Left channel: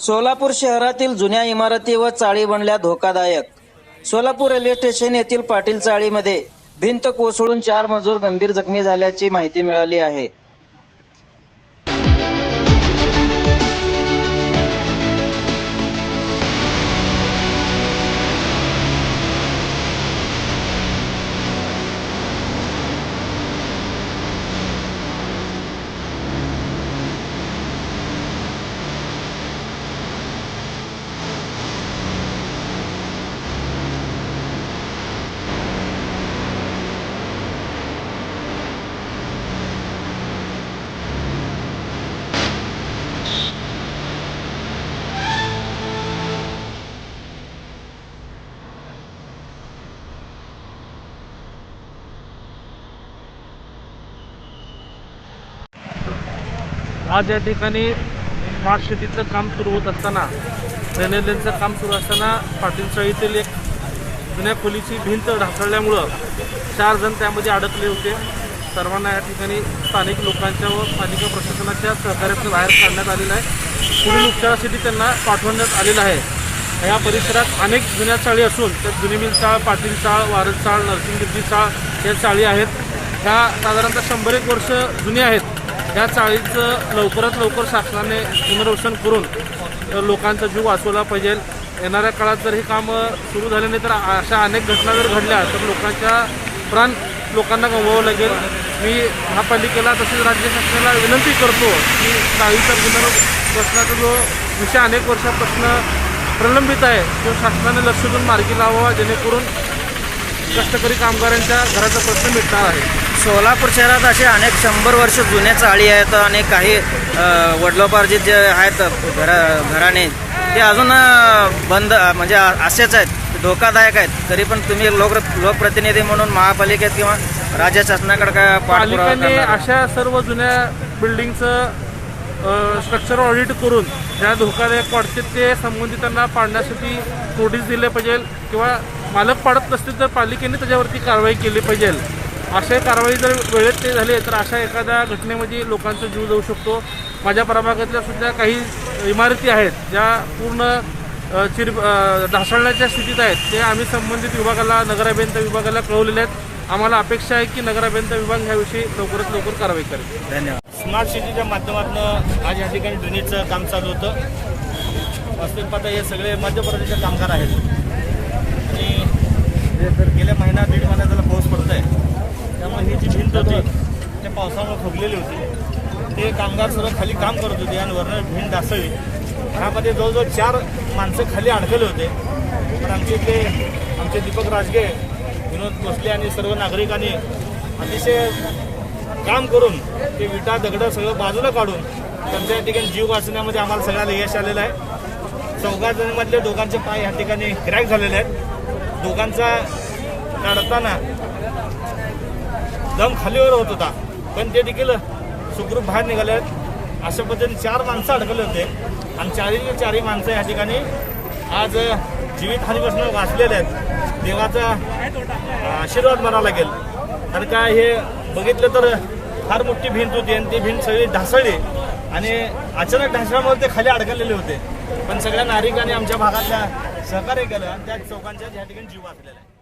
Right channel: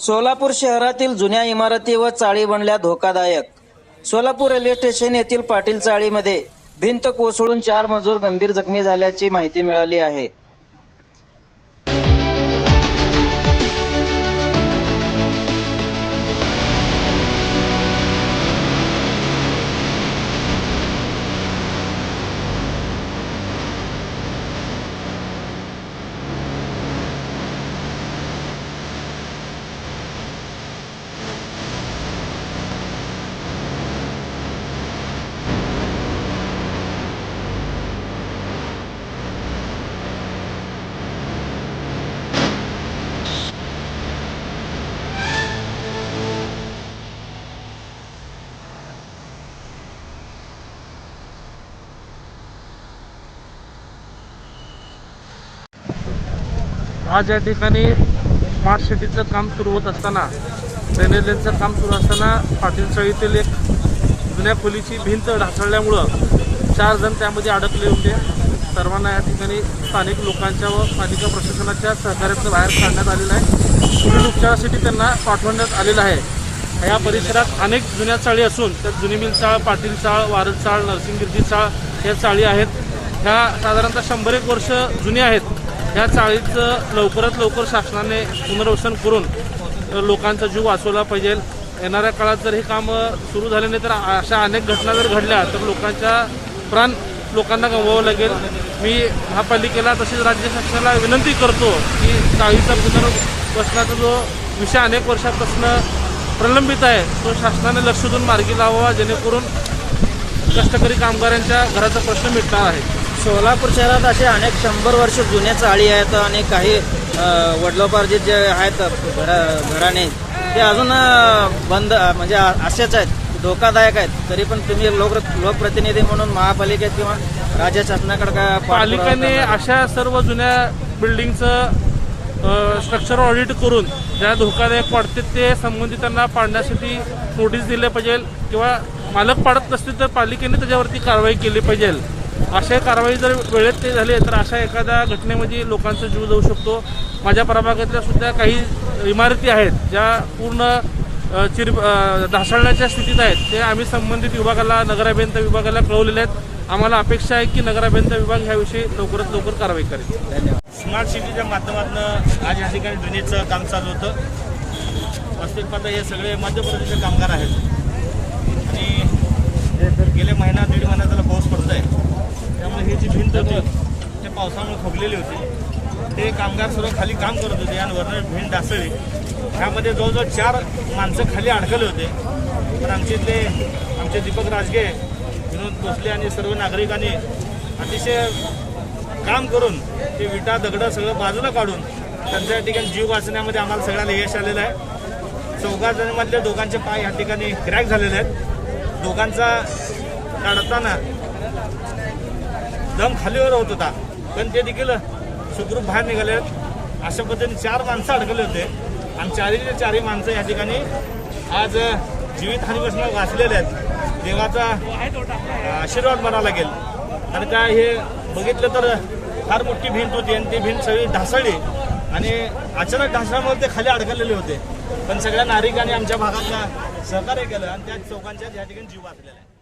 सोलापूर शहरातील जुन्या इमारती व चाळी बनल्या धोकादायक. सोलापूर रेल्वे स्टेशन येथील पाटील चाळीमध्ये भिंत कोसळून चार मजूर गंभीर जखमी झाल्याची माहिती मिळाली आहे. आज या ठिकाणी स्मार्ट शेतीचं काम सुरू होत असताना ड्रेनेजचं काम सुरू असताना पाटील चाळीतील एक जुन्या खोलीची भिंत ढासळल्यामुळं चार जण त्यामध्ये अडकले होते. सर्वांना या ठिकाणी स्थानिक लोकांच्या व पालिका प्रशासनाच्या सहकार्यातून बाहेर काढण्यात आलेलं आहे. पुढील उपचारासाठी त्यांना पाठवण्यात आलेलं आहे. या परिसरात अनेक जुन्या चाळी असून त्यात जुनी मिल चाळ पाटील चाळ वारद चाळ नरसिंगगिरजी चाळ या चाळी आहेत. ह्या साधारणतः शंभर एक वर्ष जुनी आहेत. या चाळीचं लवकरात लवकर शासनाने पुनर्वसन करून लोकांचा जीव वाचवला पाहिजे. येणाऱ्या काळात जर हे काम सुरू झाले नाही तर अशा अनेक घटना जर घडल्या तर लोकांच्या प्राण लोकांना गमवावं लागेल. मी महापालिकेला तसेच राज्य शासनाला विनंती करतो की चाळीचा पुनर्वसनाचा जो विषय अनेक वर्षापासून प्रलंबित आहे तो शासनाने लक्ष देऊन मार्गी लावावा जेणेकरून कष्टकरी कामगारांच्या घराचा प्रश्न मिटणार आहे. सोलापूर शहरात असे अनेक शंभर वर्ष जुन्या चाळी आहेत आणि काही वडिलोपार्जित जे आहेत घरा घराणे ते अजून बंद म्हणजे असेच आहेत धोकादायक आहेत तरी पण तुम्ही लोक लोकप्रतिनिधी म्हणून महापालिकेत किंवा राज्य शासनाकडे काय पाठपुरावा? अशा सर्व जुन्या बिल्डिंगचं स्ट्रक्चर ऑडिट करून ज्या धोकादायक वाटते ते संबंधितांना पाडण्यासाठी नोटीस दिले पाहिजे किंवा मालक पाडत नसतील तर पालिकेने त्याच्यावरती कारवाई केली पाहिजे अशा कारवाई जर वेळेत ते झाले तर अशा एखाद्या घटनेमध्ये लोकांचा जीव जाऊ शकतो. माझ्या प्रभागातल्या सुद्धा काही इमारती आहेत ज्या पूर्ण चिर ढासळण्याच्या स्थितीत आहेत. ते आम्ही संबंधित विभागाला नगराभियंता विभागाला कळवलेले आहेत. आम्हाला अपेक्षा आहे की नगराभियंता विभाग ह्याविषयी लवकरात लवकर कारवाई करेल. धन्यवाद. स्मार्ट सिटीच्या माध्यमातून आज या ठिकाणी ड्रेनेजचं काम चालू होतं. वास्तविक पाहता हे सगळे मध्य प्रदेशचे कामगार आहेत. गेल्या महिना दीड महिना त्याला पाऊस पडत आहे त्यामुळे ही जी भिंत होती ते पावसामुळे खोगलेली होती. ते कामगार सर्व खाली काम करत होते आणि भिंत ढासळली. ह्यामध्ये जवळजवळ चार माणसं खाली अडकले होते. पण आमचे इथले आमचे दीपक राजगे विनोद भोसले आणि सर्व नागरिकांनी अतिशय काम करून ते विटा दगडं सगळं बाजूला काढून त्यांच्या या ठिकाणी जीव वाचण्यामध्ये आम्हाला सगळ्यांना यश आलेलं आहे. चौघा जणांमधल्या दोघांचे पाय या ठिकाणी क्रॅक झालेले आहेत. दोघांचा काढताना. दम खालीवर होत होता. पण ते देखील सुखरूप बाहेर निघाले. आहेत अशा पद्धतीने चार माणसं अडकले होते. आणि चारही चारही माणसं या ठिकाणी आज जीवितहानीपासून वाचलेले आहेत. देवाचा आशीर्वाद म्हणावा लागेल. कारण काय हे बघितलं तर फार मोठी भिंत होती आणि ती भिंत सगळी ढासळली. आणि अचानक ढासळामुळे ते खाली अडकलेले होते. पण सगळ्या नागरिकांनी आमच्या भागातल्या सहकार्य केलं आणि त्या चौकांच्या या ठिकाणी जीव वाचलेला आहे.